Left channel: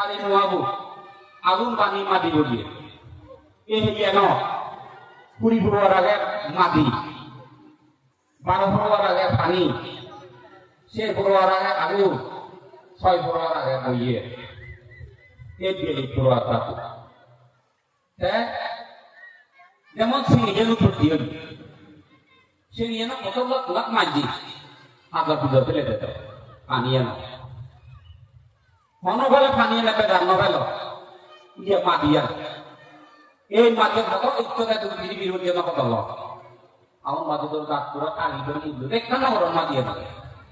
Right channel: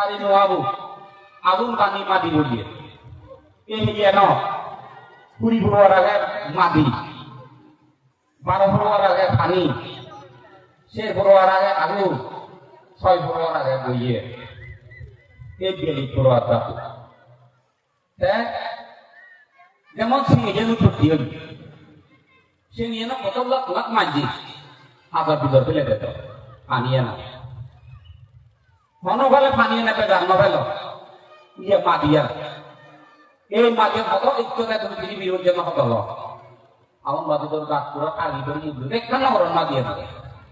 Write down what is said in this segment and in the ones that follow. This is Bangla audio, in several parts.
সারি নোয়াবু আগুন পানি মাটি গড়িয়ে এই গিয়ে ন, কুড়ি ফুরোয়ার আগে মাটি, বারো ফুরোয়ার আগে পানি সে ফুরোয়ার আগে আগুন, ছয় ফুরোয়ার আগে বইয়ে এই বিয়ে ফুরোয়ার তাকু যেমন সিঁড়ি যেন ফুটি হবি সে নিয়ে না কত লাখ লাখ মাঝি আবার পুজোর ফেলে দেবে পানিয়ে না মনোবেলে পানিয়ে নেবে ফেল ইয়ে মা দিয়া এই মাঝে কত ইচ্ছে তুমি পৃথিবীর কত লোক আমার মাঝে তোর গাছ পুরো কালি করে মুখ দেখতে না বড় মা দিয়ে দেবে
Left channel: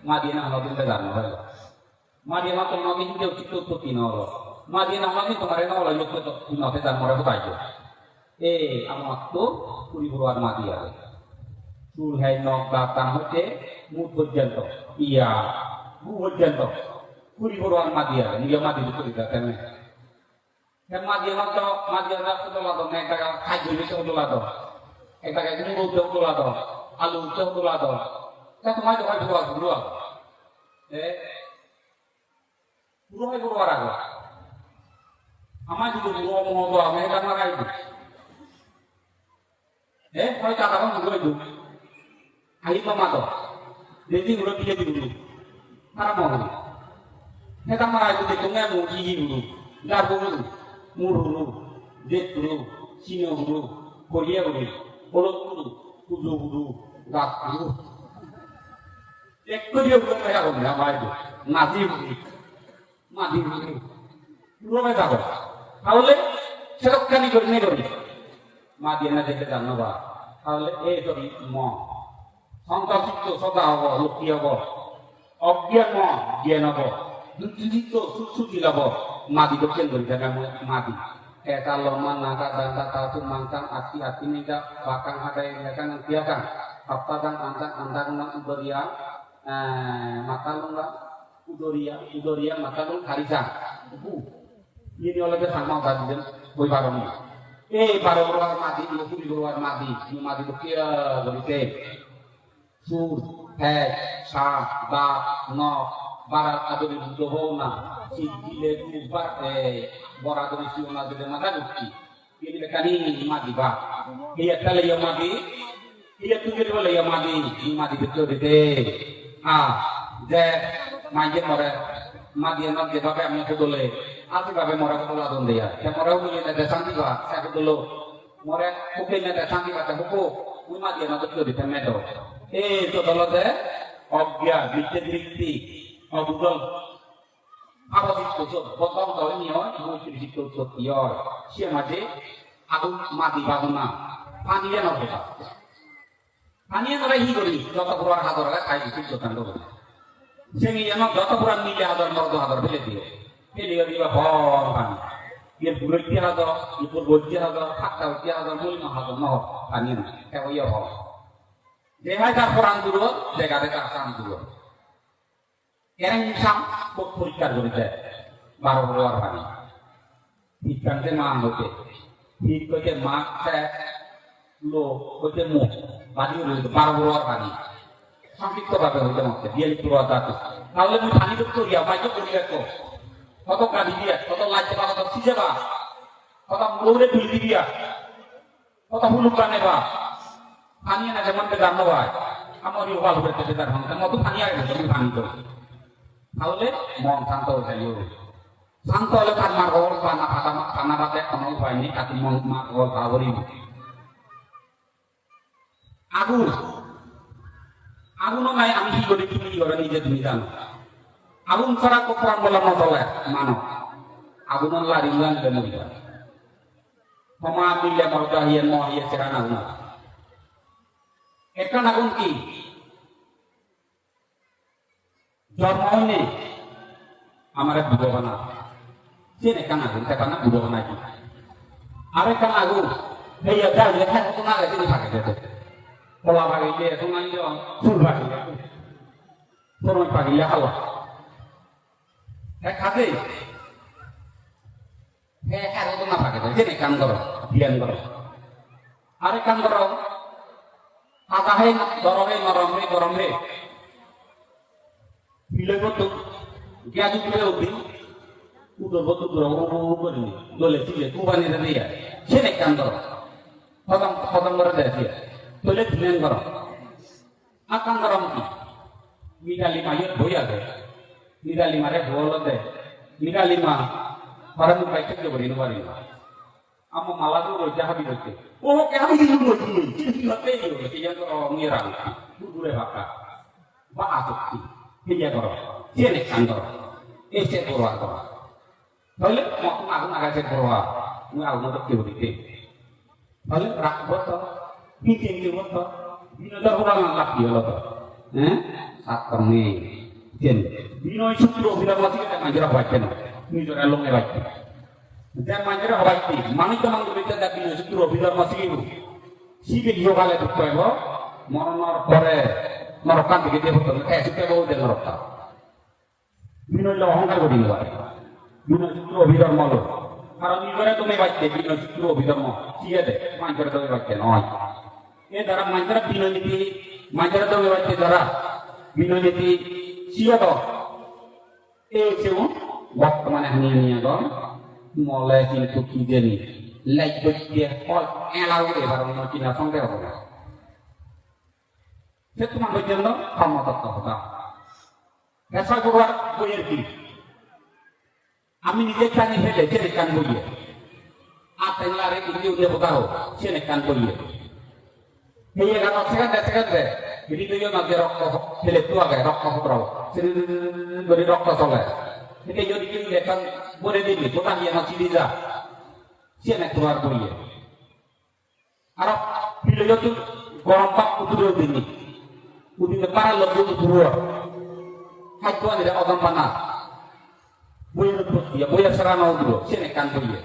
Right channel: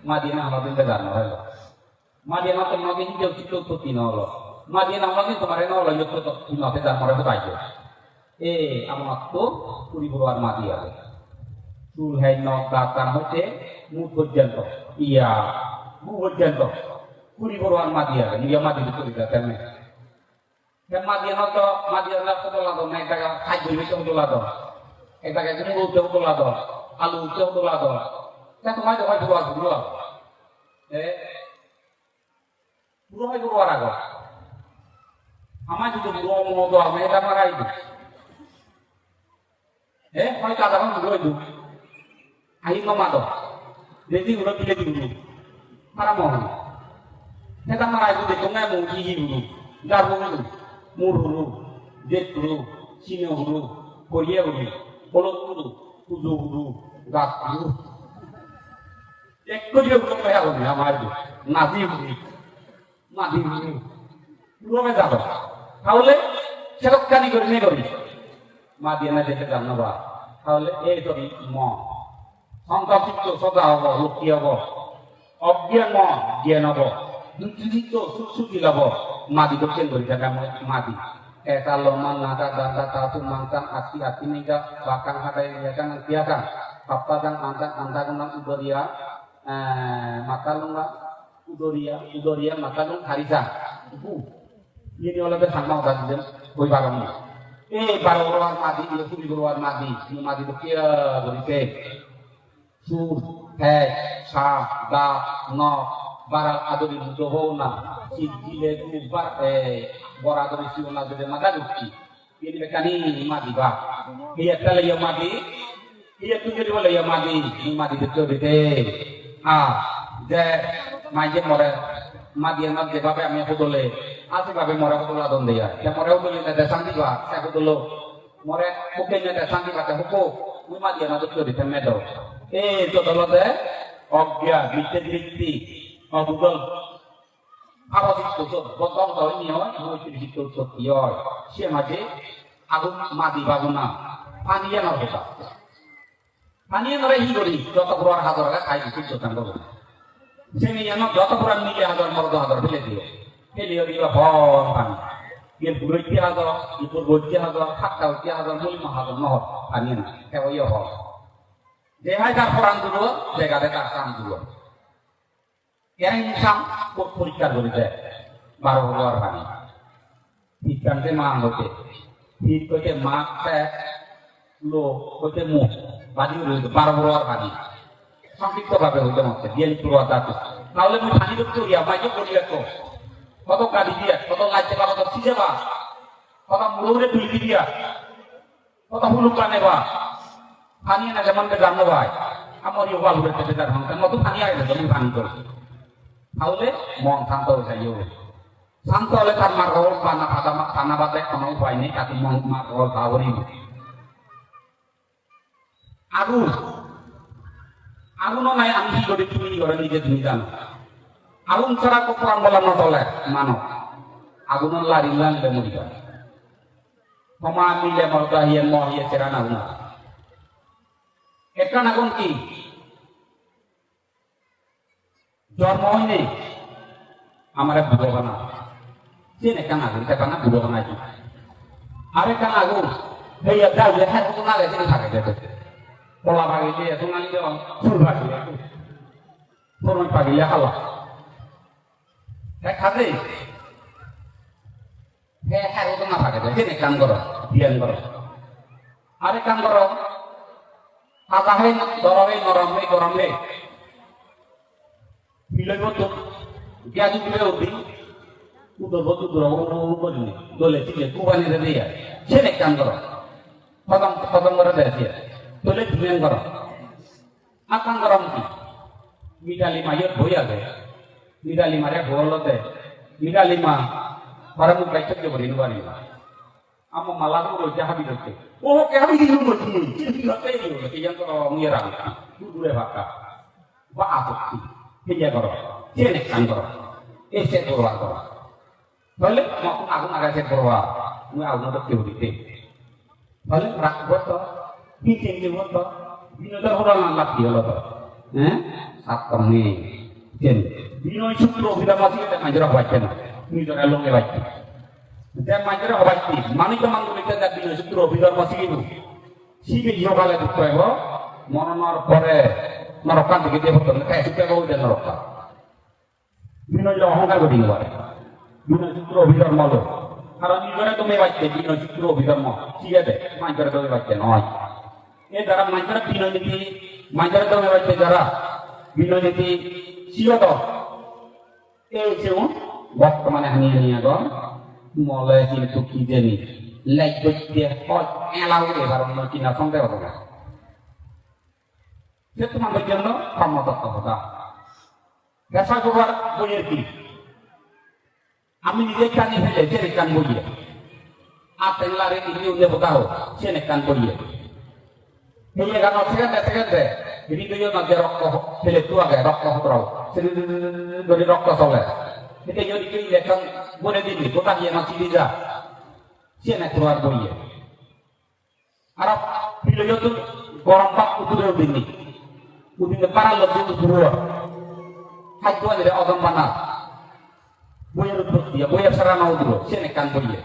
মা দিয়ে না আমাদের ফেল মা দিয়ে না তোমার মাঝে কেউ চিত্ত উৎপত্তি না হলো মা দিয়ে না আমাদের তোমার না হলো তুমি মাঠে জানো রেখে পাইছো এ আমার তো কুড়ি বড় মা দিয়ে চুল হাই নখ দাঁত কান হচ্ছে মুখ পর্যন্ত ইয়া মুখ পর্যন্ত কুড়ি বড় আর মা দিয়া নিজে মা দিয়ে চলে যায় কেন কেন মা দিয়ে তো মা দিয়ে রাস্তা তোলা তো না একটা খাদ্য বিষয় তোলা তো একটা একজন উঠেও তোলা তো আলু উঠেও তোলা তো তা তোমার তো হয় পুরো পুরো এ? পুরো হয় পুরো আর আগো আমার যদি পুরো মতো আমি এটা মারাই দিই এ হয়তো আধা ঘণ্টা পুরো দিই ayi mama to jadi udah pilih dulu para mau kita marah itu dekong nggak mau gigi dulu nggak dulu mau dulu dek dulu sini dulu korea dulu kolot dulu kudu dulu nggak dulu একটু দিয়ে উঠে পেয়ে হবে না মার নাতি উঠি নাতি উঠি পুরো যাব তাহলে সেরকম করে নেই করি মা দিয়ে না যেতে জানো বা তাহলে এই তো ম সংকল্পিত সদা হব লক্ষী হব অজ্ঞান জ্ঞান হব দুর্নীত সুসুকি লাভ মাদি দক্ষিণ করি দেখা মাদি eta lomang ngata danta tatu mangkang ati ati niga bakang hadai ya kan dia kan apa dan anda anda kena udoria eh mata lunga udoria udoria mata lung harisa bu ini oleh bersama tadi dan koi barang eh barang luar madi itu di luar madi madi bekia berite সুর হ্যাঁ সাপ দাঁত নখ বারাত আদরি হও না সিদ্ধিলে দুবার বড় আদরি শিব না যদি মাথা ঢুকছি ini bekani madi ba iya tala ya madi iya tu jadi boleh ya madi ni madi betul betul ah je maje mora madi madi bapak yang aku boleh aku bapak mora lah donde ya ya mora aku ni ada santi saya aku dulu mora mungkin ada santi kata buku ni madi yang betul betul medo eh itu tolong অজ্ঞা বিদ্যে বৃত্তি অগুগল আবাদিত গতম ধর্মীয় নৈতিক সত্য সে মাঝে আগুন মাদি বাগুনা পানিয়ে নবে পানিয়ে নবে হি করি যত পুরার হাতর আগে খাই দিচ্ছি যোগান দেবো সে নিয়ে আমার যত পুরান মিলে হাতর মরদ হাতর ফেলে দিও ফেলে দিল হন পানি দিয়ে দূরে দিয়ে হাতর ইপুর গজ্জে হাতর খাট্টা উঠিয়ে হাতর মলিমা হাতর নহ পানি না কেউ ইয়ে হয় দেহাই তার কোরআন দুলো জায়গাতে তার কাম দুলো এর ইনসান পরীক্ষা করিতে বারো হওয়ার ভাবি বিজ্ঞানতে মা হতে ঠিক করতে মা লো করতে মুখ বাজি রয়েছে বারো হওয়ার ভাবি সংক্ষিপ্ত ভাবে হইতে হচ্ছে বিয়ালি পুরো তাহলে আমি পানি রূপ করি আমায় যে করি তো কত কালি দিয়া, কত লাইতে বা কত সিজে বা। কত মৌরে তুলি দিয়া। কত হুলু প্রাণে বা। পানি না যেমন জানো ভাই, আমার ওয়াল পেতে যার মতো পানি আগে তুমি পানি করো। তাহলে মন শান্ত হয়ে শান্ত হলে তার মার গল পানা ফাটা পানা বাদে কোনো উপায় নেই তাকে মন মার গল খাওয়ারই আগুন আগুন নাই আমি কি করি তুমি করে নিজে তুমি জানো আগুন ছাড়া প্রাণ বলা নচলে মানব আগুন লারি লাগলে মরি যায় ক্ষমা মিলে মজা হিয়ে মহিয়ে চেরা না একটা আগুন কি? জন্ম হয়নি আমার বুঝব না সে একান আগুন সেখানে বুঝব না কি আর একান আগুন সেই একটা লেখা তো না রেখে থাকে যেতে কলা বাগি দিয়ে তোমার ফুল বাগি তোমার পাগিলে খাওয়া খাতে হ্যাঁ হ্যাঁ তো না থাকে সে কাম করো বিয়ান করো আরে কাম করো Katahin dorongin ngorongin ngorongin. Bila Lepoto, dia orang rumah dia. Dia. Akan lima boya lima bolot lima. Malah. Oh, itu? Orang ba aku dia sini kantor ese tuh kantor balik mau aku nggak kasih perwa nggak aku untuk jauh dikit balik rak buat tuh bikin dia buat tuh bino tuh orang angkat dia loh eh akan nih jen bino syukur bila mati kita ngajar baca ini cara lo ngebaca dan ngajar baca mana itu mang kita tak bino syukur bila mati itu sih dia kali buat lo mau nor pore নরকান থেকে দেহ করলে তাই সেটা বহু দেয় নরকান বিভিন্ন যে অহংকার গঠিত হয় বিভিন্ন সূত্র অভিধর্ম হলো কারণ ইগরে তুমি বাচ্চে বিভিন্ন সূত্র বাচ্চে নয় এ দ্বারা মাঝের বিনোনীতি মাঝের তুমি বাচ্চে দ্বারা বর্তমানে আমি মলে কিন্তু কি জানি লাইক দিয়ে ফল দিয়ে ভালো কিনা সন্দেহ সে তোমাদের জন্য কর্মতত্ত্ব হবে পেশা জোগাড় বইয়ের কি আমি নিজে কানি ফেলে সে কান বইয়ে apa yang lari ini udah berkau sini kan beliau ini kan sekan deh sekan deh ini tuh yo nanti rokok pilih tua kayak rokok berau sini beri rokok soleh ini yo dikit dia kan boleh ini bukan dia masih bisa sini keluar beliau Arab pilih yo tuh gompak udah ini udah nepara lebih udah Hajuan dari orang panas বইয়ের উৎপত্তি বইয়ের সারানো উদ্র সে কান করিয়ে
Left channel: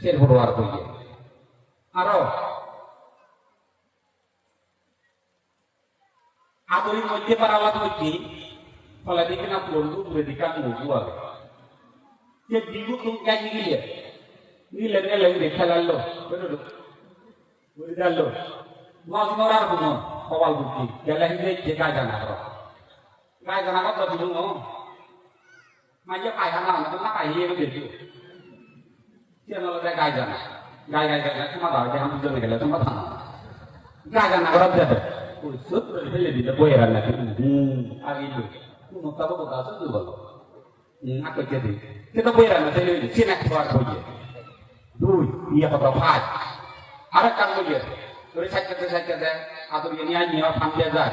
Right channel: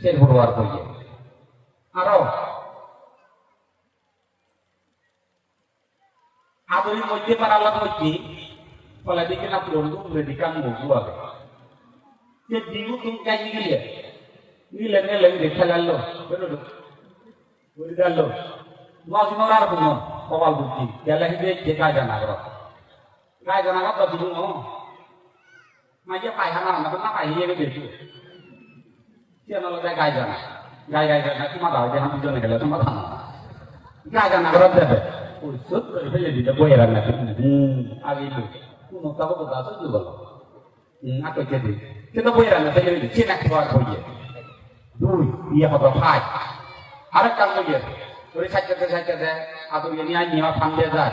সে ভরোয়ার করিয়ে আরও আদরির মধ্যে পারালাত মধ্যে ফলে দেখি না পুরো উমরে দিকাম মুগু আগে যে দিগু তুমি কাজি গিয়ে নিলে নিলে নিলে খেলালো বেরোলো বলে গেল নজ নড়ার কোনো কবাল বুদ্ধি। গেলে হিন্দে যে গায়ে জানা গায়ে জানা কত দিন মাঝে পায়খানা আমাকে না পাইয়ে বেশি কেন গায়ে জানা। গায়ে গায়ে জানা তোমার বাবা যে আমি জমে গেলে তোমার খানা গায়ে জানা করে দেবে ওষুধ ফেলে দিতে বইয়ে রান্না হুম হবে ওই সাইকেল সাইকেল দেয় আদর ini ani ha pang dia dah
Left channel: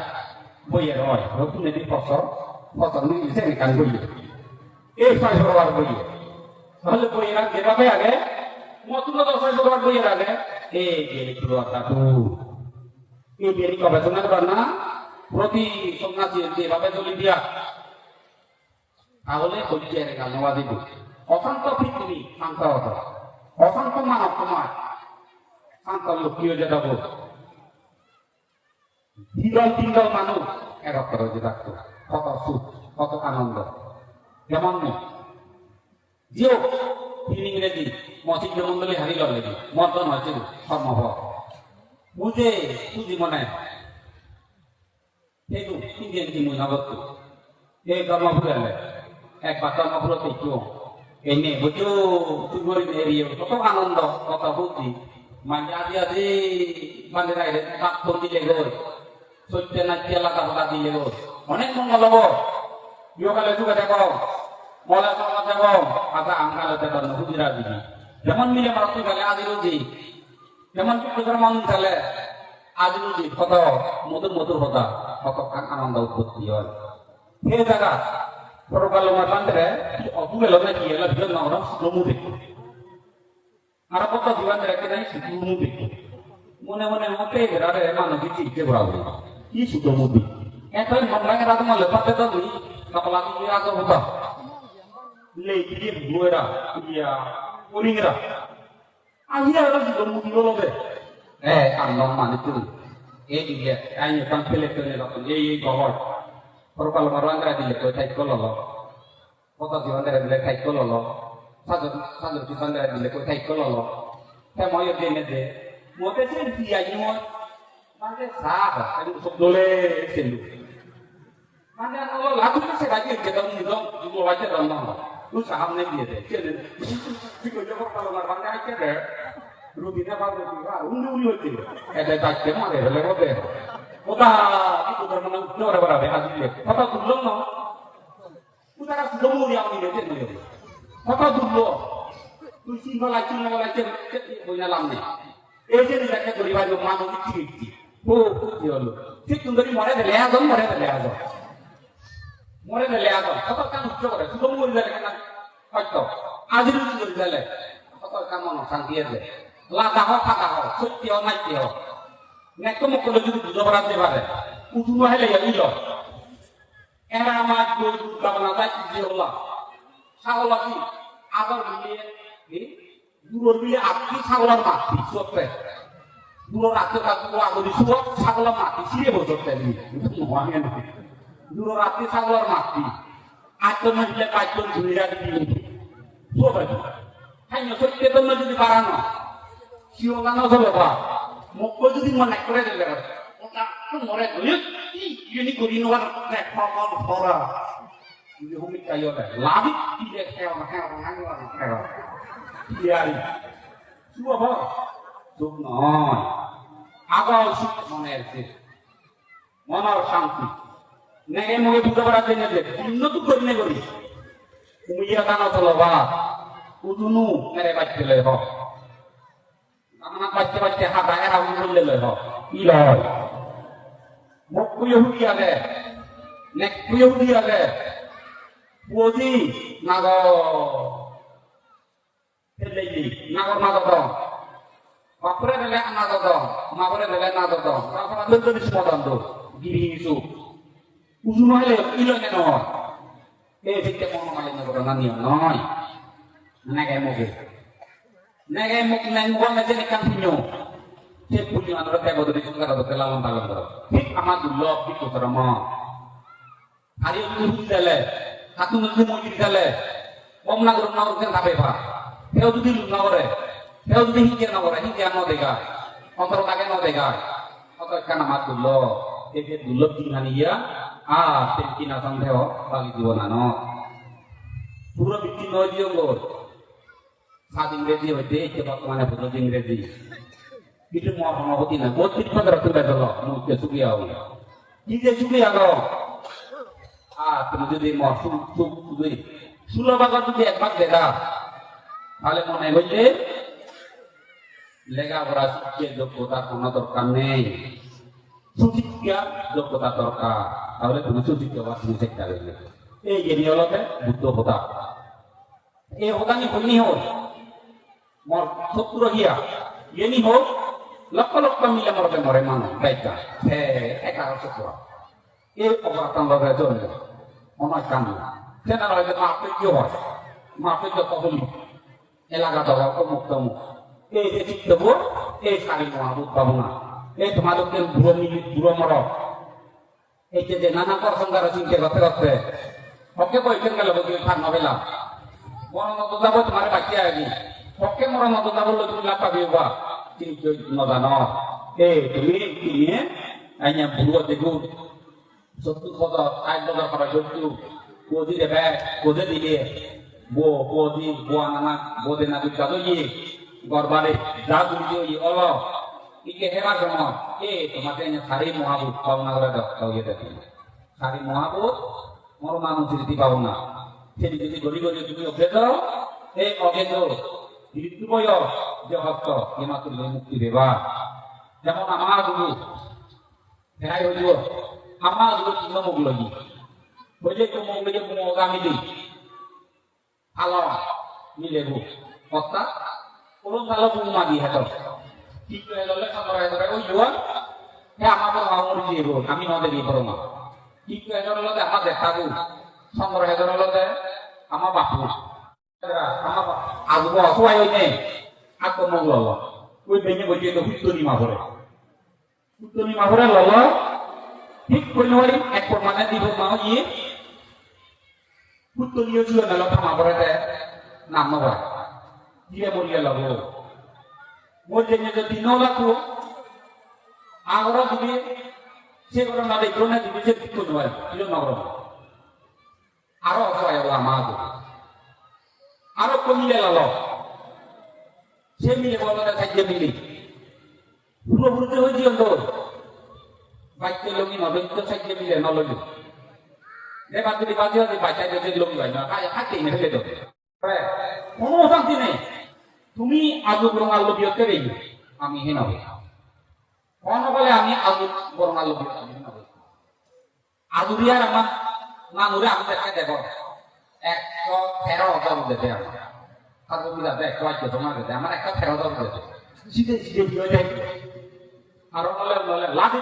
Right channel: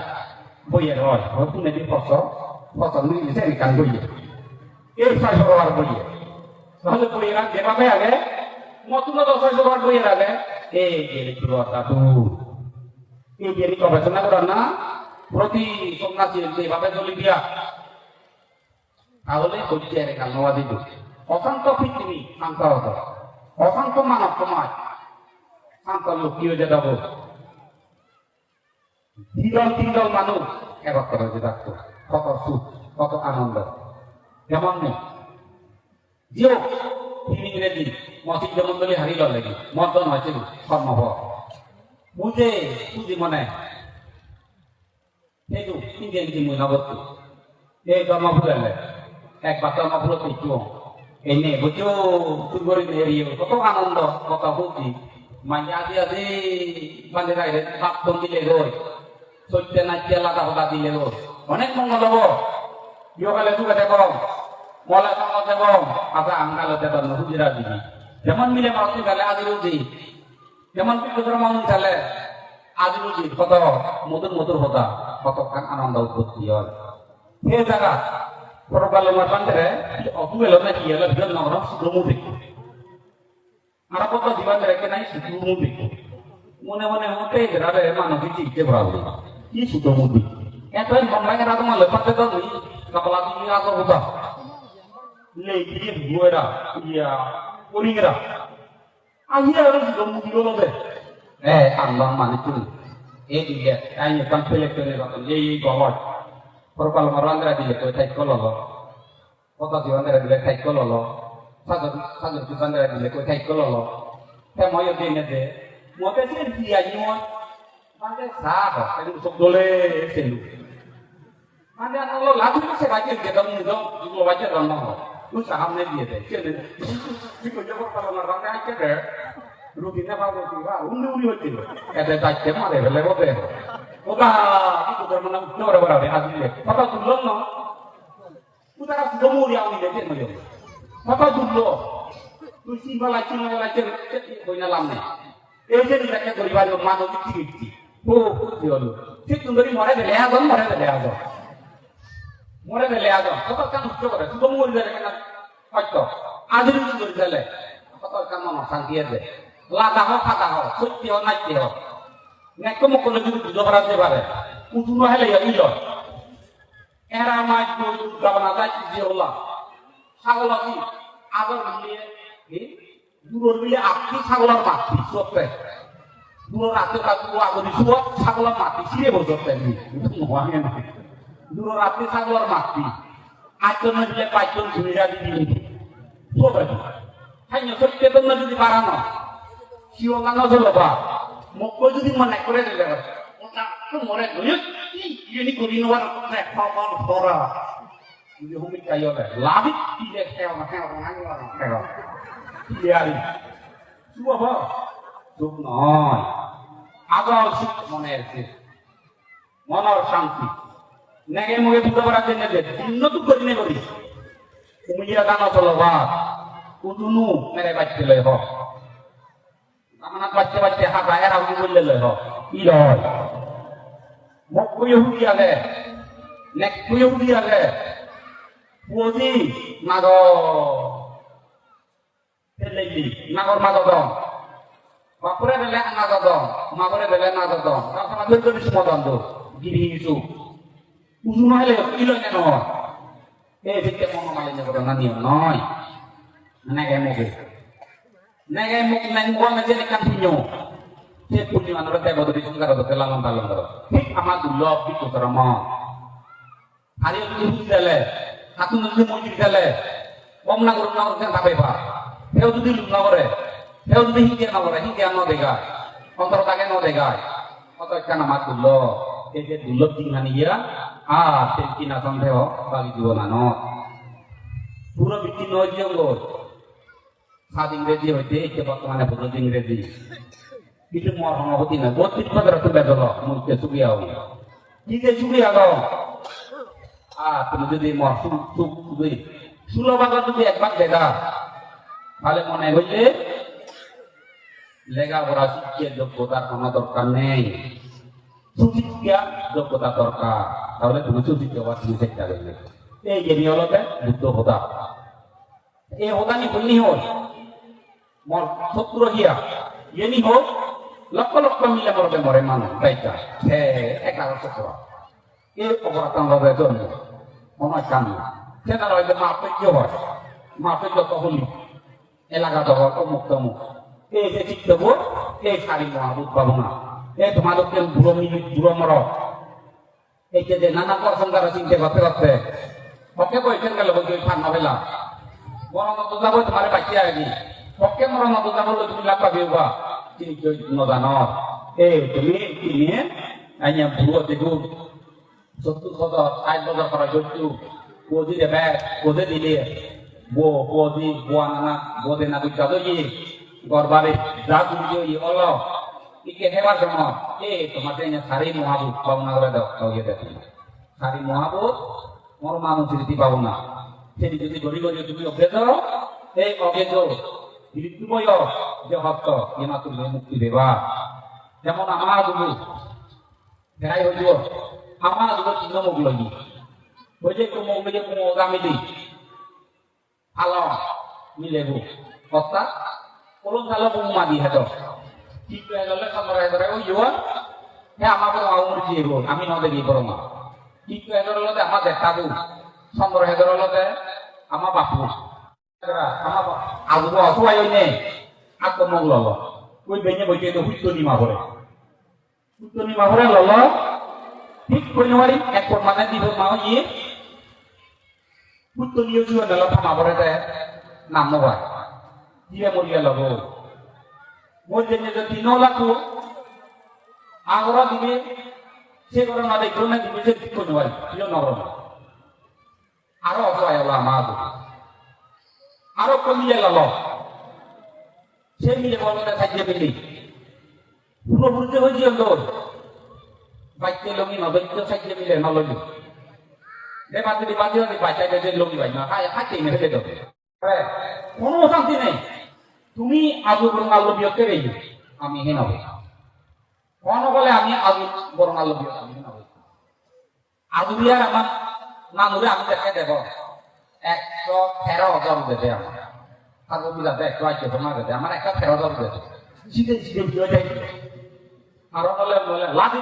বইয়ে হয় হতুন নেদি ফসল ফসল নিয়ে সে কাম বইয়ে এই ছয়শো টাকার বইয়ে তাহলে বইয়ে রাখতে পাবে আগে মতুন তো ছয়শো টাকার বইয়ে রাখে এই গেলে কি কাকু এই গেলি গবেষণা করার না প্রতি সন্ন্যাসী যেভাবে চলি দিয়া তাহলে হচ্ছে এর কালনোয়া দিব অশান্ত পৃথিবী শান্ত হতো অশান্ত মানব সমাজ শান্ত লোক কি হয়ে যাব তিনজন তিনজন মানুষ একত্র হয়ে থাকতো কত সুখ, কত আনন্দ। যেমন জিও, তিনি ইংরেজি মসজিদ যেমন বলে হারিল লাগি মর্দন হচ্ছে সম্ভব। বুঝে বুঝি মনে। সেইটো তিনটে কিছু মহিলাবত এই ধর্ম ফুরালে একবার ধর্ম ফুলো পেয়েছ এনে বুঝছ তুই এরিয়ে কত আনন্দ, কত বুদ্ধি যেমন মিলে মাত্র গেলে আজ রুজি। যেমন মানুষ গেলে আজ রুজি। কত মধুর মধুর হতা কত আনন্দ উৎপত্তি হয় সে জায়গা পরকালে অতু এলো না কি এলো ভিতর নাম সুগ্রমু দেখব kia la biar orang sebelum mudik. Arab kota jiwa mereka naik sebelum mudik. Mone mone apa ya berada emang nabi cik berapa? Ini sebelum mudik. Eh tuh ngomongnya ada tuh malah pakai tuh kepala kita tuh apa? Lagi buara, iya, kuringera. Akhirnya orang sudah muncul deh. Eh, Allah mana itu? Eh dia, ayo kan pelek pelek apa? Ye ye gawat. sangat sangat disandra di lekor kai kololo kayak mau yang dia ya, deh mau tes dia ini mau mana sah kan usuk dole selu mana kalau lagu masih lagi kita mau dong. Mau wajar dong dong lu sahamnya iya, dia deh kan itu jawab kalau ngarang aja deh lu tidak kalau tidak undu undu itu ada tak kenal ya deh itu udah menang, Nora berapa berapa, adilnya. Kata tuh belum, udah yang ini, dia nih kata dulu Kusi balacin balacin punya lamne. Eh jadi mereka beribadah kemana kecil kecil. Oh, dia lu. Kita tunggu mana deh lihat dong, mana deh lihat dong. Mana deh lihat dong. Kata kan udah udah. Sudah mau dari kana. Pacto. Ajar itu dari dale. Kata kan mana sangkian deh. Lada ho kata ho. Suci ho naik ho. Naik kamu kalau jadi dua belas deh bare. Ujung mahal ya iyo. Era maju dalam mata Allah. Salah sih. Agar dia দূরের মিলে আপনি ছাগলার মাতি সুয়াতে দূরের রাতে কাকু আগদি সুয়াত ছাগলার মাতি সিরে বসতে নি মহানে না দূরের রাতে ছাগলার মাতি আইতন দিলে কাইতন ধুইরা দিবি সুয়াতে হাইনে সত্যি তো না যদি বাড়ানো সিও গানো চলো বা মুখ যদি মনে করে দিলে ওটা মনে করি ini kuri nuar nek ngomong Labit tidak kewa kewa. Iya. Semua apa? Suknon. Agal suk monerse. Monor শান্তি নেগে মগে বুঝতে পারা জেনে যে ভিন্ন তো করনে করি কুমিয়া দানা চলো বা উদুনু মেরে বাচ্চে লয় হ আমার বাচ্চে বাচ্চে হাতা এরা উদুলে লয় হ ইলা মোক কুয়ে হুকি আগে nek kuyo হুকি আগে পুঁজি নাগর nagor nagodong. Makure dele nagodong, makure dele nagodong. Makure dele dele semua dong Gini isu. Usu mahale ilo neno. Eh fikir mau mahale nyoba nani noi. Nege mogu. Nege mogu neng gua ngajen ikan pinyo. Dia punya manur teh bodo bisu karo do kelawan balong karo. Hik amat dulu bisu karo mo. Dele. Aku nanti mau dele. Om nagor nagor kan tapi কেউ যদি না করে যদি হিংকে না করে ন দেখা অন্তর তাকে ন দেখা অত কেন মাত তুলল। এই যে দুল তিনখানি ইয়া আ তেল কিনা সন্দেহ বালি দিব না ন। পুরো বিক্রি নয় হলো সাত ইংরেজি হইতে এই বর্তমানে বুঝো ইংরেজি। কিন্তু হতি না। বহুত তিন করে তুলে দিল মুখে সুবিয়া হই কি যে সুবিয়া গো তুমি যদি মর সুখ সুখ সুলভ যদি একবার দেখা, তাহলে মনে হইলে লেখাপড়া শিক্ষের যোগ্যতার কোনো দরকার নেই। সুশিক্ষা যোগ্যতা দরকার। তাহলে তুমি সুশিক্ষা তুমি শিক্ষা দেবে এই যে নিয়লতে বুদ্ধ হোদা এই হোদানি বলনি হোক, মোর শত্রু গিয়া ইয়েনি হোক, লক্ষ লক্ষ মিলে মরবে মরে মানুষ হে, একা শত্রু। এই অপরাধ জন্য কান কেন রয়েছে মাপে কি হয় মাপে যত হলি এলাকা ধরা অমুক তমুক। এই যে ঠিক দেবো এই শাড়ি না। এই তোমাদেরকে বুড়ো মিলি বুড়ো মর এই যে নানা প্রসঙ্গার চিন্তা করতে করতে পক্ষে কইছেন গেলে বলছি ঠান্ডা বেলা। মরণ তো যাব, তোমার ডাকিয়ে আনি। পক্ষে মরণ তো যাব, তুমি লাভ পাবি বা। কিন্তু নজান এই তুমি কিনে আইয়া বুড়ো দেখু। সত্তর হাজার ষাট হাজার করা করছু কোজি দেবে কোজে দিলে de nabi kado ye gorbare jagu jo ye Allah ike hewa sama eh tomatenya sari muhabut bau na ora dak bau ye dak sari muhabut mor manu ceriti bau na jadi jadi dori dori তুমি দাও এই হিরিতু বয় যে ভক্ত ইমা তুমি মুক্তি দেবা যেমন আমার গুরু ফেরাই হইল আমার তিন মুখ লগি বলে তো লিগে কোনো milebu kota ulun kalau pun lagi heto tiga lele kamar heto oh iya ya apa pun mau murji ibu kami nanti di perumah tiga lele apa deh tabu sambar heto lele ama bapu apa aku bawa suai ini aku mau lolo kue banyak bocah itu itu lima hore itu lima hore lolo ঠিক পরিমাণে এক প্রমাণে দিব মা ইয়ে পুত্তলীয় juga dalam pemaborete namowa dia mulia lagu mulia jadi nolaku agora দিবে সে করে না দেখো না দিবে সে ঠিক করে dia নরম। আরও অসহায় হলো আমার আরও কমিয়ে লাল সে মিলে বলতে থাকিয়ে মিলি পুরো বুঝতে হয়েছি তোর বাচ্চা লগি নদৈত্য থাকিয়ে মিলে নলগি যে বাচ্চাটি বাচ্চা যদি বাচ্চা যদি লগি ভাই না খাই খাইতে নিয়ে ফেলে দেবে কোনো অশান্তি নেই। তুমি আজু বরং আলু বিয়তে রেই আমি হে নবে কোন বলে আমি আজু বরং আলু বিয়তে আমি নবে আজু বিয়ার আমার নানুরে আমি দেখা দেব। একশো তেরো হাজার দেবে আমার তারপর বুঝাতে একশো আটশো তোমার দেবে আমার একটা তেরো হাজার দেবে শীতে শীতে বিয়ে যাই আরও বলে বলে লাগে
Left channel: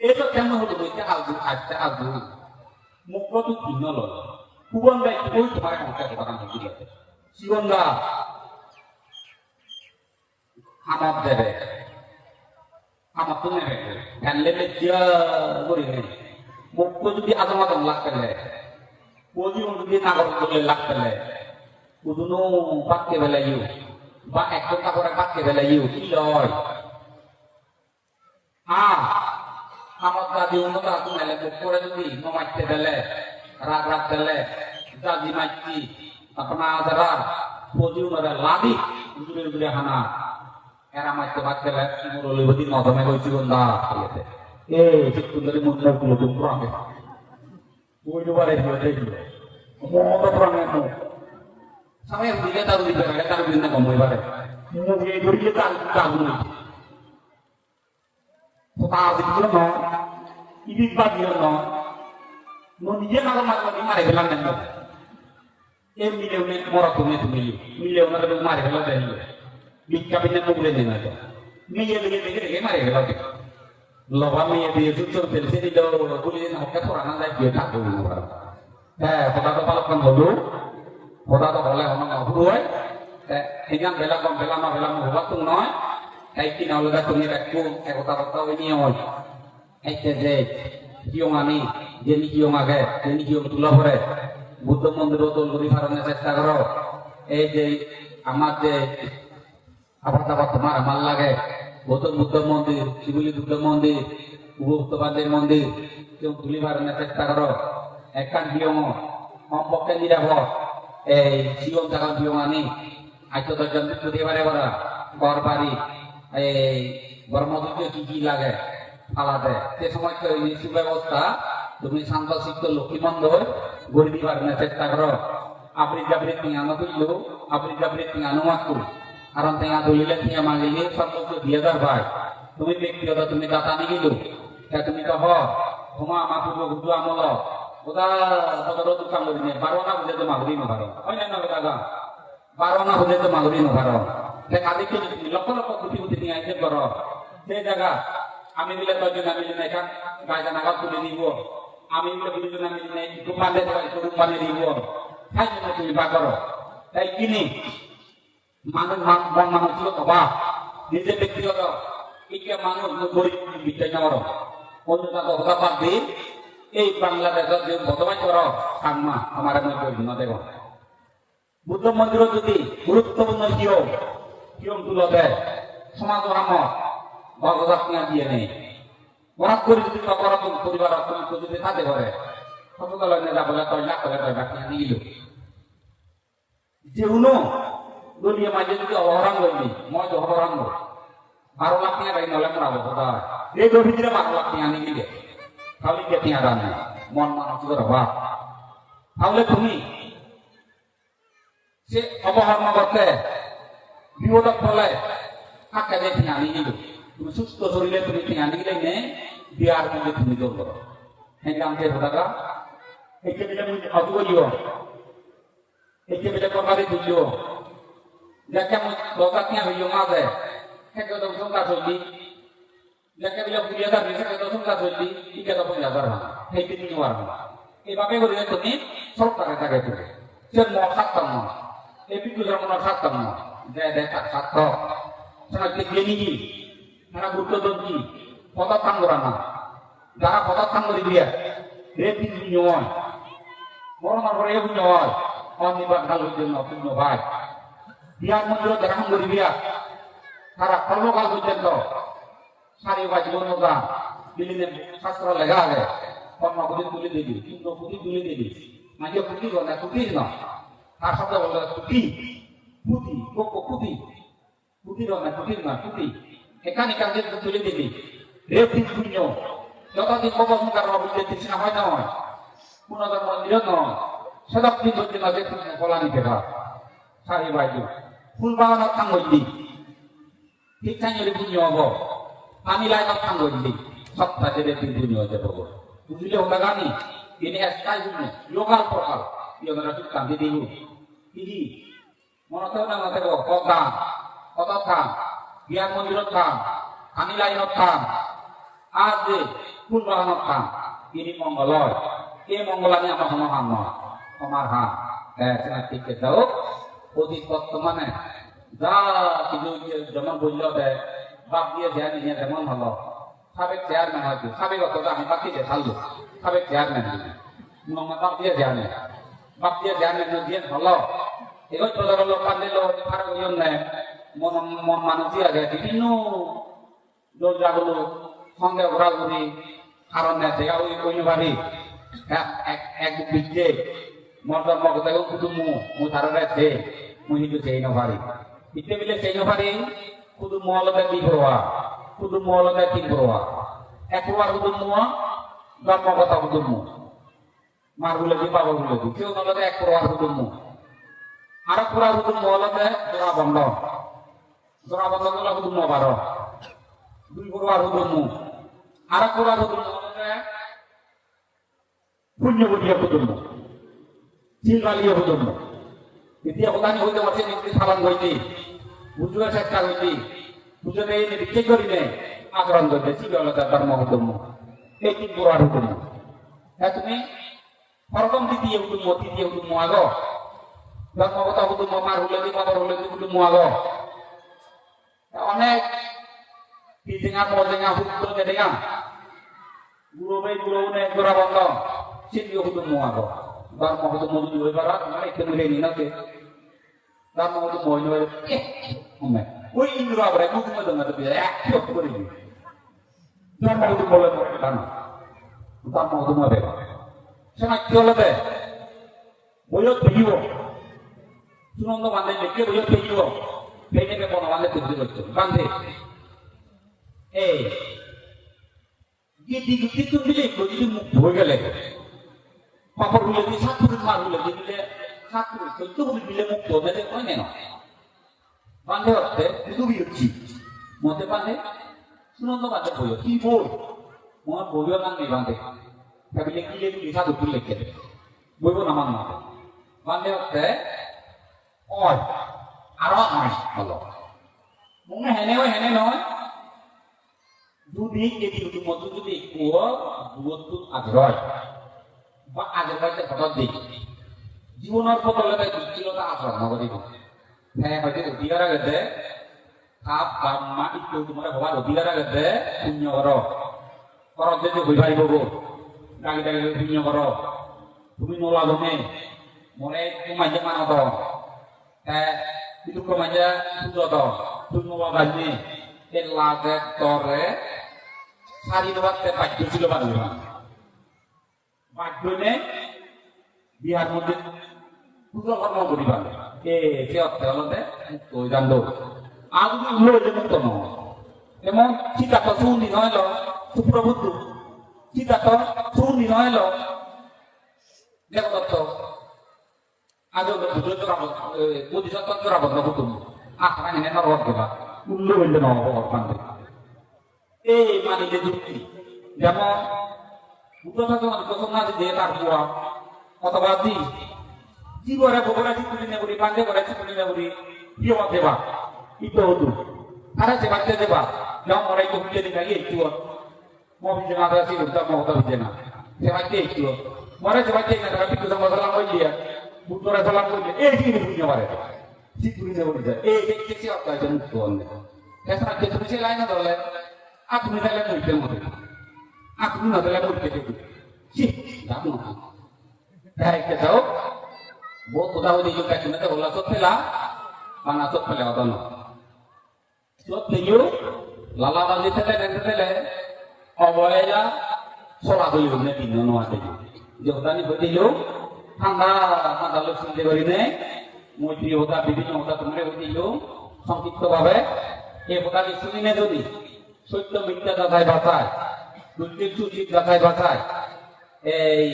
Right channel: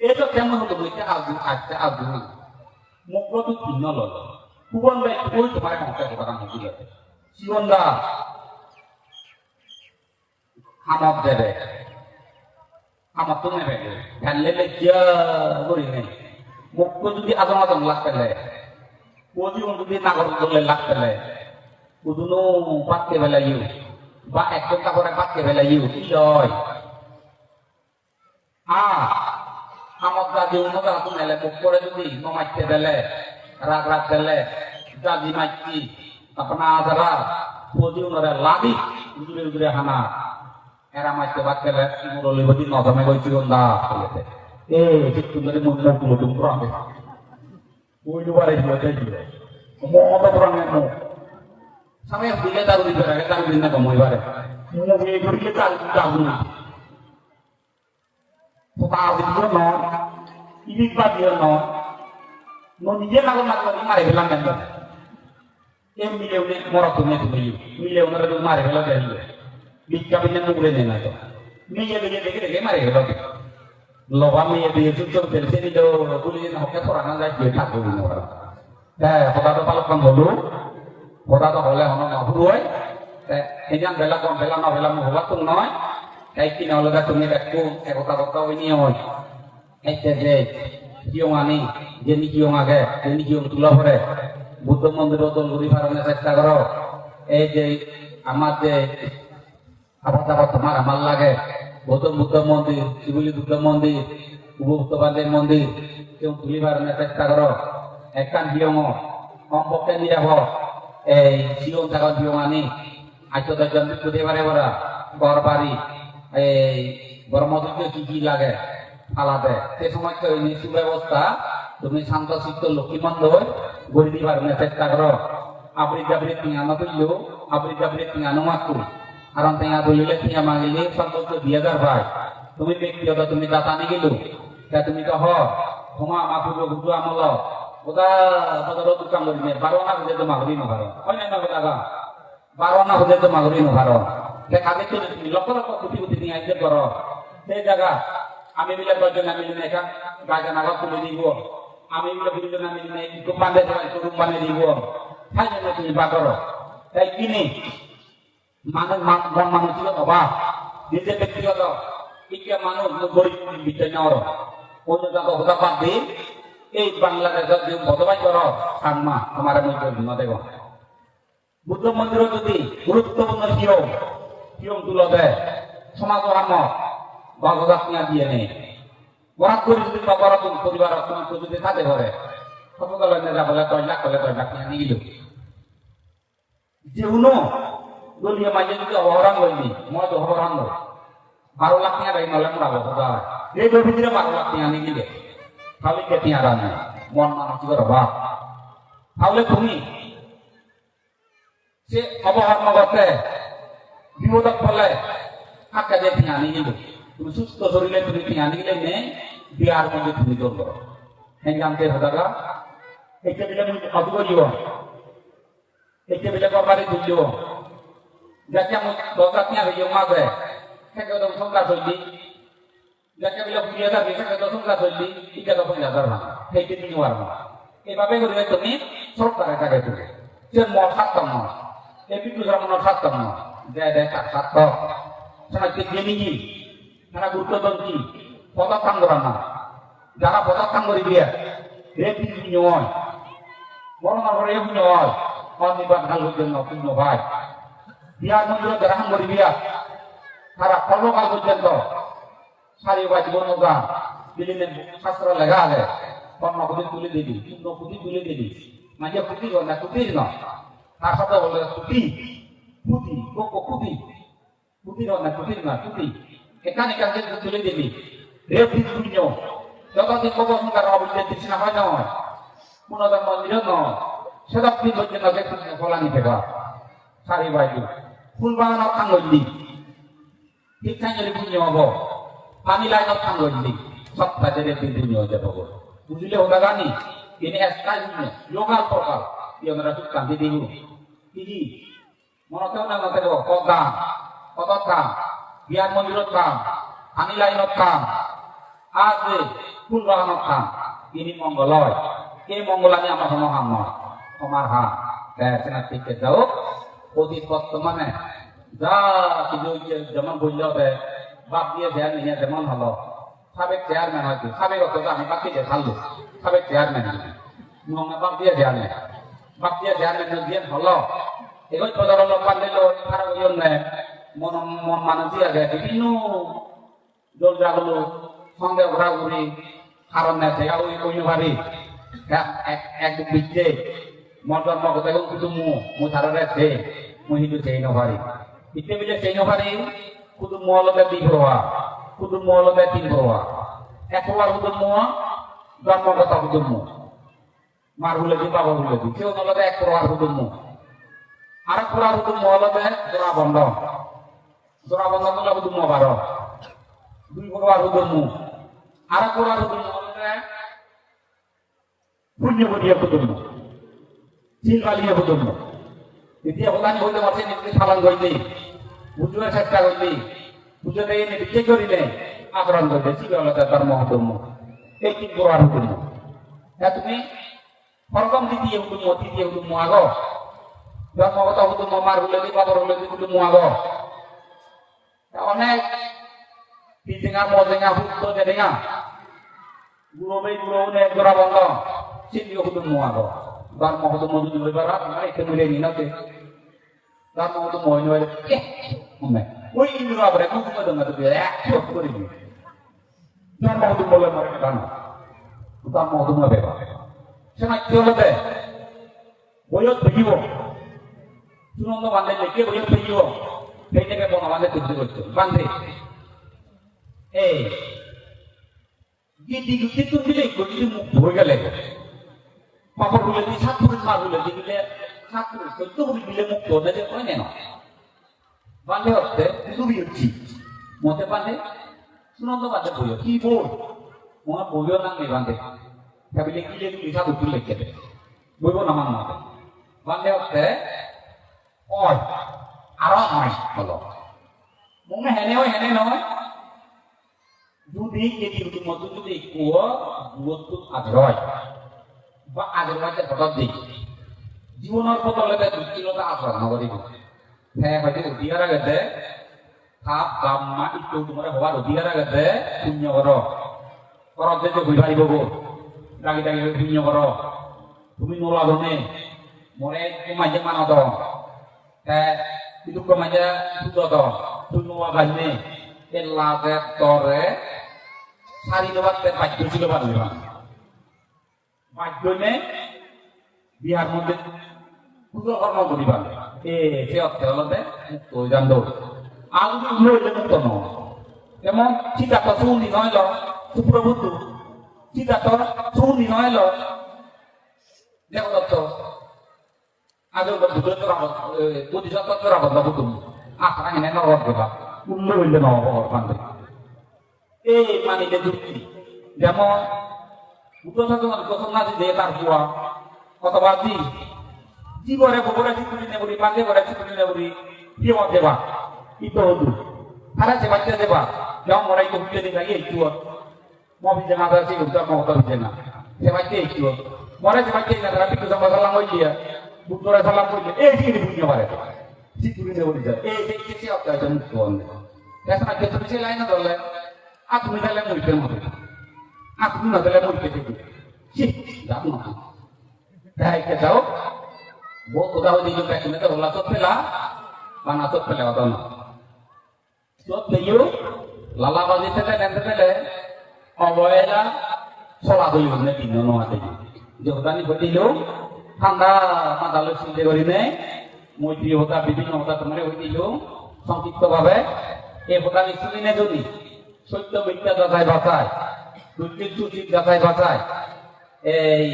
এটা কেমন হলো বলতে আজু আচ্ছা আজু মুখ তো তিন ললো কুবন্দা কই তোমার কাছে করা হচ্ছে জীবনদা আমার দেবে আমার তুমি দেবে ফেললে লজ্জা করি নেই মুখ যদি আদম আদম লাগতেলে কোজি যদি নাগর করলে লাগতেলে কুদুনো পাতকে বেলা ইউ বা এক ঘণ্টা করে পাতকে বেলা কি লয় আ আমার দাদি উন্নত তুমি এলে মুখ করে যদি মাইতে দিলে রাগ রাগ দিলে দাদি মাইছি আপনার আদার কোজি উনরে লাদি উজুরে উজুরে হানা এরা মাইতে বাদ গেলে ইমরলি বদি নদমে কইছি গন্দা বলেতে এ চিত্তু ধরে মুখ মুখ মুখ মুখ রাখে ওই দুবারে হিলতে হিলে মমতে প্রাণে মো সামনে দিলে তার দিবে রে তার দিন না কমই বারে মুখ এই করিয়ে তার তাগুন কোথা দিলে না ইবিক বা দিও না mo নিজে নাগর মারলাম মারে গেলাম না এম মিলেও নে মরা তুমি তুমি মিলেও না তুমি মারে গেল দেন ভিক্ষা পিনে তো বলে না তো নিজে নিজে দেখে দেখে মারে গেল লবা মেয়ে দিয়ে সুযোগ ফেলছে দিল বলি দিন হকে করা না যায় দিয়ে থাকবে ওরা হ্যাঁ হবা তো পালক কম হলো হবা তো হলে হন না হুয়ে এজান বেলা কম বেলা না বেলা হবা তো নয় তাই কি না লগা তুমি দেখো যে কিয়ং আনি যেনি কিয়ং আগে যেনি কিয়ং তুলা পরে, বুদ্ধ মন্দির তো লুরি ফারণের চেষ্টা করো। এই যে আমার যে আবার আবার তোমার আমার লাগে গৌতম বুদ্ধ মন্দির, শিবলি বুদ্ধ মন্দির উপভুক্তবাদের মন্দির, কেউ তুলি ফারণের চেষ্টা করো। একখান কিয়ং সম্পর্কে নিরাব এই শিয়ং থাকা কিয়ং আনি আইতো দর্জন বিদ্যুৎ এবারে করা, ঘর বাড়ি, এই ব্রহ্মদুর্গে কি কি লাগে? আলাদা। সে সময় এই সুব্যবস্থা তুমি শান্ত সিদ্ধ লক্ষ্মী মন্দির গড়ি দিবার না চেষ্টা করো। আপনি যাবরি তিয়ানো তুললো আপনি যাবরি তিয়ানো মাকু কারণ তিয়া বলিলে তিয়া মাগিলে সর্বোচ্চ দুই হাজার ভাই তুমি ব্যক্তিগত তুমি দাতা নিগিল, তা তুমি তো হ। তোমা আমা পূর্ব বুধু আমল। ওদা তোদের দোকান করি বারো না বুঝে তো মাগরি নভারো না না বারো না বুঝে তো মাগরি নভারো দেখা দেখি লক্ষ লক্ষ কোটি কোটি নিয়ে আইতে করো। সেই জায়গা। আমি মিলে দশজন আমি মিলে এখান গায়জন আগত তুলে দিব। আমি মিলে দুজন আমি মিলে দোকান দিয়ে রুম বানিয়ে দিব। তাই জন্য তুমি বাকর তাই কিনি মানুষ মানুষ ছিল বাবা। নিজে ব্যক্তিগত। ইকে মানুষ গরিব বিদ্যা নেওয়ার। অন্য হতা বাদ দিন এই বাংলাদেশের যে বদবাই কর। সামনা আমার আমি বলি না দেব বুদ্ধ মন্দির যদি গুরুত্বপূর্ণ হিরো হিরো তুলে দেয়। সমাজ আম ভগবান দিয়ে নেই। ওয়াক করে যদি বাবার কোন পরিবার তোমার যদি থাকে ঘরে সকল নেতা বলে দশ লাখ করে দশ লাখ নিয়ে যে উনো দলীয় মাঝে যদি অহরান করলি মজ অহরান বারো লাখ নিয়ে গাড়ি নলে মরাবো খোদা এই ভিতরে বারো লাখ নিয়ে আনি গিলে তাহলে কে তিয়া রান্না মন মানসিকের অভাব। তাহলে তুমি, সে অবহরণ করতে বিপদক ফলে আকা যে তিয়া আনি গিল সুস্থ শরীরে তুমি তিয়া আনি গিলে নে, বিয়ার মধ্যে তুমি জল হ্যাঁ জানতে হোদাগা একে বিলে অদু করিও একে বিলে কবারি তুলিও যাকে আমি দরকার নিয়ে হইও না দেয় সেকে তো সংখ্যা চললি। যাকে বিলে হাজার সেকে তো সংখ্যা চললি। ইকে তো পঞ্চাশ হাজার না। সেইটি নিতে পারব এভাবে করে তুমি সরকারের কাছে তুমি সে nak khatam na. Dia ada tak khatam. Sana tangguran na. Jangan foto tanggur dia. Epi ku nyawa. Orang orang yang nyawa. Oni bak halu jenno ku nyawa. Dia mundur gerang dia. Kara kalau kagu jenno. Sari wajib noga. Bilin শাস্ত্র লেখা আছে কর্মা পুঁতি তুলে দিবি কিন্তু পুঁতি তুলে দিবি না যে পুঁতি না পুঁতি না তার সাথে বলে পুঁতি পুঁতি কোকো পুঁতি পুঁতি না পুঁতি না পুঁতি এখানে কাজে তুলে দিবি রে পুণ্য যতদিন কবর মুখার অবস্থা তৃষ্ণা হয় না পুনর্জন্ম মন্দির নয় সেটা তুই করতে না যে তুমি ফলা নিতে পার সারি বাইজু ফুল বাগান থাঙ্গি ঠিক থাঙ্গি পুণ্য হব পানি লাইন থাঙ্গি সত্তা jadi dunia aja pokok. Budilah ugagani. Ini SK ini. Yoga prokal. Yang merasakan di dulu. Ini. Mau tahu nama tahu koga. Kotokan. Biar menurutkan. Anilai notkan. Ade. Pulwa notkan. Ini mongolor. Ini monggolannya apa Muhammad. Omarha. Eh, senat pikir jauh. অতীত বর্তমানে যা কিন্তু যেমন বলল বাপ দিয়ে ধ্যান নিয়ে যেমন হলো সাবেক চেয়ারম্যান হয়তো সাবেক অত আমি বাকি দিয়ে থাকল সাবেক চেয়ারম্যান মোহাম্মদ বাপ দিয়ে চেয়ারম্যান বাপ দিয়ে দিয়ে এবার প্রধান লোক জন্য মন মন মানুষ দিয়ে বিভিন্ন দরজাগুলো সঙ্গে ঘোরাঘুরি কারণ আছে ওই ওই বাড়ি এক এক বিচ্ছে মর্দন মগতে কুটুমু মু ধারে আছে মু হিন্দু সেই নভারি ইতে মিলে সেই নভারি কুটু মলতে দি প্রভা কুটু মলতে তিন প্রভা একবার কুটু মু ব্রহ্মগত কুটু মু মার বলে দি বাবা বলে দি কেউ নলতে এক প্রভা কুটু মু আর প্রভা কুটু মলতে জোড়া বন্ধ জোড়া বন্ধগুলো কুটু মু বারো দুই প্রভা কুটু মু আর প্রভা কুটু মলতে পুণ্য বুদ্ধিয়া কুটু মু চিলকালিয়া পর্যন্ত দ্বিতীয় প্রধান হইতে আছে নিজে সালাম করলি। বুঝবার চেষ্টা করলি। বুঝে নেই নিজে করিলে আগ্রহণ করলে চিরলতা ধর্ম ধর্ম এই তিন প্রকার হুকুম হ্যাঁ তুমি? প্রথম দ্বিতীয় হুকুম তৃতীয় হুকুম আগ। ধর্মগত হুকুম মার হলে দি বাবার হলে দি হুকুম আগ। অনেক পিজিঙা মজেঙা হুকুম দেদেঙা গুরবে গুরবে গোড়া বন্ধ চিলিও হুকুম আগ Dar mau ketemu di luar barat, nah itu mulai ini nanti. Dar mau ketemu di luar, eh, mana? Woi ini luar barat, mau ketemu dengan dia, eh, coba ketemu ini. Dar mau ketemu di luar barat, dar mau ketemu apa? Saya nak jual সাতপুরের কিন্তু বলি দিলে মুক্ত হতে পারে না বাঁধে হচ্ছে। কি বই? মনে বইও না, নেই বাঁধে ভাবিলে কি লেগে লিখা দেবে বইব না মান মাতে বাঁধে আরও অনেক হলো মনে হেনেও হেনে নয় যদি যদি মতো যদি কুয়া দূরত্ব আগ্রহ বা আগের বাড়িতে হঠাৎ দিই জীবনের বদলে দুঃখিলতা আসা নগরী হ্যাঁ হয়তো অধিকার আগেতে সাপ বাম্মা ইত্য তোমার হবার অধিকার আগেতে শূন্য কর করত যে ঘুরাই দেব ডাকি ডাকি শূন্য কর তুমি নোলা বনে মনে মাঝে মানা দ হ্যাঁ itu kemana sudah toh semua bani elaga tore sari doat te baju sudah bani মাধ্যমে বিহার মধ্যে পুরো কর্ম করিবা এ সে অর্থে হলতে মুক্ত জানলো আগুন উল্লে মুক্ত নয় এমন চিতা তো শুনি নয় সুপ্রভুত্ব চিতা তো শুনি নয় দেখো তো আগে বুঝে তোরা যদি যত তোরা বদলা বুঝুন আখড়া এনে নরক দেবা উল্লে উল্লে নয় ভগবান এই মানে যুক্তি যেমন bukan satu kosong nanti dia tarbuah kota bati di bawah beberapa situ ini negeri pandai beberapa situ ini negeri dia mau deba itu itu karena cepat dia deba yang orang itu jadi lagi itu mau bicara apa sih udah mau tahu bicara cepat dia itu mereka cepat dia tapi kita masalah dia eh punya mereka si tu ni boleh jadi eh eh eh siapa aja mukon Kesa dia tu sih lain ada aku ni dalam murid mu aku ni dalam murid tu si dah mu dah ke tahu bo tu dah di juga kena tu lah tu pela mana tu pela ada na tu tu lala kali tele dan tele অবহেলা চলা হইব নে দিন নোয়াতে দেহতানি ঘটিল ঠান্ডা মাথা লোক চিন্তা করি নে মৈত্রী হতা বিভিন্ন হতা, তোমার ঘটিল সংক্ষিপ্ত ভাবে প্রকারে শুনি নে যদি সত্য মিথ্যা যাচাই বাঁচায় দুর্যোগ সুচিত যাচাই বাঁচায় এই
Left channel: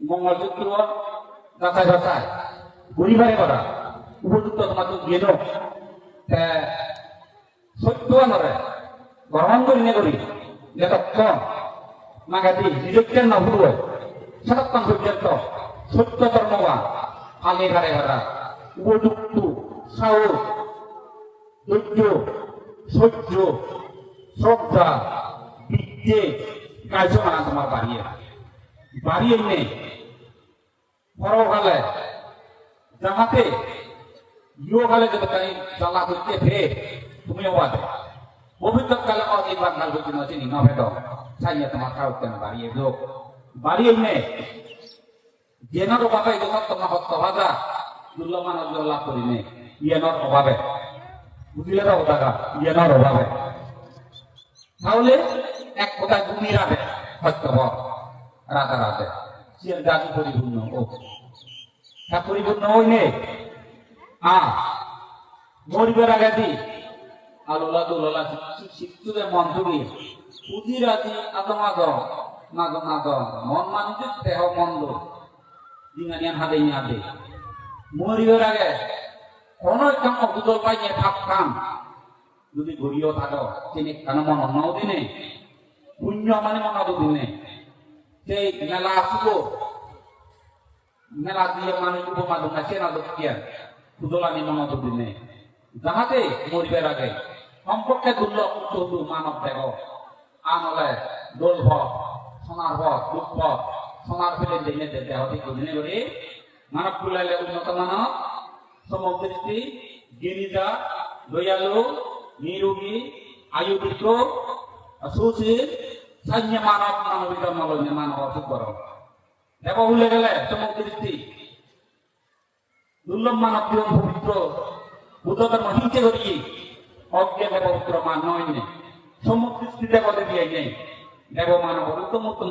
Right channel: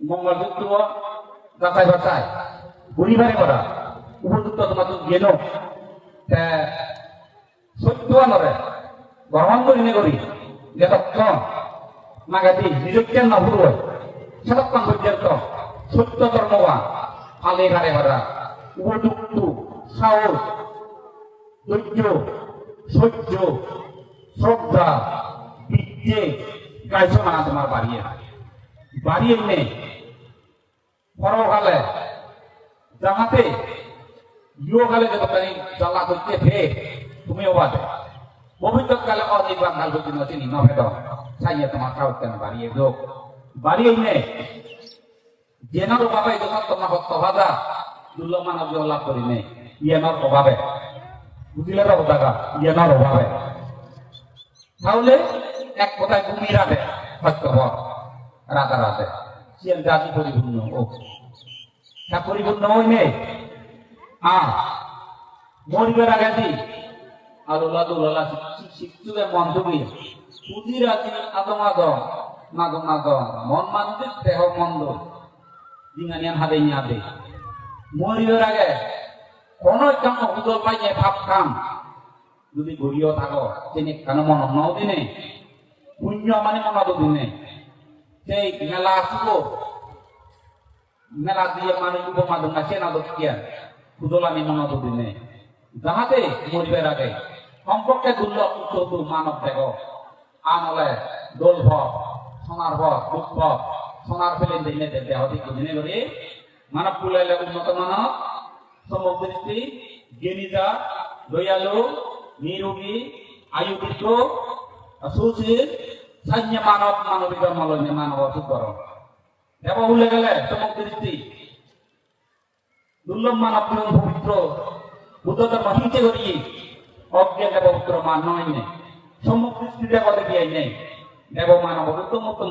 মঙ্গলযুক্ত যাচাই বাঁচায় পরিবারে করা, উপযুক্ত তোমার গেল। সত্য নরে গ্রহণ করি নে করি, যতক্ষণ নাগাদি নিরুক্তি না ভুল সেতক্ষণ পর্যন্ত সত্য কর্মবা আলে ঘরে ঘরা উপযুক্ত, সাহস, ধৈর্য, সহ্য, শ্রদ্ধা, বিদ্যে কার্যমানা তোমার বাড়িয়ে। বাড়িয়ে নেই পরকালে যাহাতে ইয়কালে যতখানি জ্বালা করতে ফের, তুমিও বাদে। ভবিষ্যৎকালে অনির্বাণ কাল করতে নচে নিমা ভেদ সাইয়া তোমার কাউ কেন বাড়িয়ে যোগ বাড়িয়ে নে জেনার অভাবে ইয়েনার অভাবে। অভাবে। তাহলে এক কথায় তুমি ভক্ত ভক্ত রাধা রাধে সিয়ার জাতি পরিপূর্ণ ও তা পরিপূর্ণ হইনে আ, মরিবার আগে দি। আল্লাহ দুল্লাহ শিক্ষুদের মন তুমি পুঁজি রাজি আদমাদ নাদ নাদ মন মানুষের দেহ মন্দ। দিঙানিয়ান হাবে হাবে। মরিবার আগে কোন একদম অকুদল পাইয়ে ভাব থাকো, তিনি কেন মন দিনে? পুণ্য মানে মনাদ দিনে। সেই মেলা আসব। মেলা দিয়ে মানুষ নাচে না আমি দিনে। যাহাতে মরিবার আগে সম্পর্কে দুর্লভ মানব দেহ। আনলে দোল ভর সোনার ভর সোনার ফেলে দিনে দেহ দিকে দিনে করে। মানব কুলাইলে উন্নত মানব সমদৃষ্টি জ্ঞানীতা দয়ালু, নিরোগী আয়ুবিত্র সুশীল সান্য মানব, মানবিকা মলনে মানব সুকর দেব ভুলে গেলে সমদৃষ্টি দুর্লভ মানব পবিত্র বুদ্ধধর্ম হিংসে করি। অজ্ঞানে পবিত্র মান নয় সমদৃষ্টি দেব দেবী নেই দেব মানব, উত্তম উত্তম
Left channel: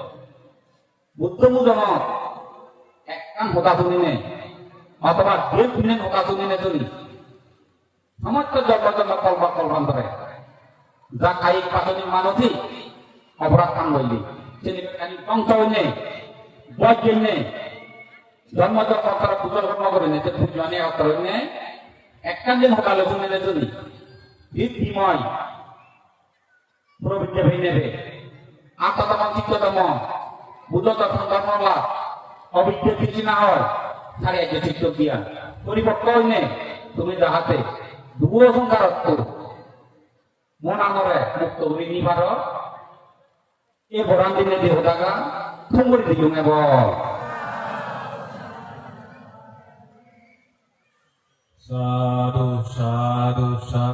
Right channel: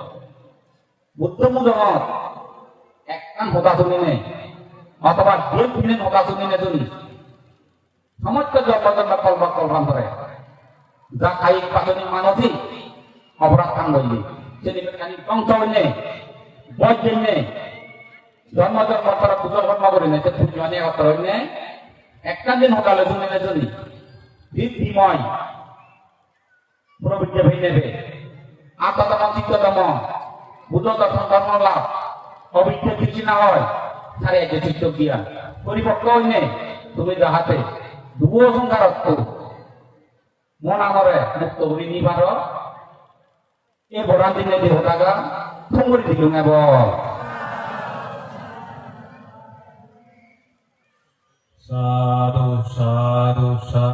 হতা তুমি নে, অথবা দুই দিনে হতা তুমি নে তুমি। সমস্ত জগত কল্প কল্পন করে যা খাই পাচনি মানসি অপরাধ কান লইলি সেদিকে কানি পঙ্ক নে বজ্র নে ধর্মদের কথাটা পুজো কর্ম করে নে যে পুজো অনেক অর্থ নে একখান দিন সকালে শুনে নে তুমি। ভিত বিময় প্রবিদ্যা ভেঙে নেবে আত্মতম চিত্ততম বুদ্ধ দর্শন ধর্মলাভ অবিদ্যা কিছু না হয়? তারে যে চিত্ত জ্ঞান পরিপক্ক হইনে তুমি যাহাতে দুয়ো সংসারত্ব মন আনরে মুক্ত হই নিবার। এ বরান দিনে দেহ জাগা সংগরি দিকে নেব Sa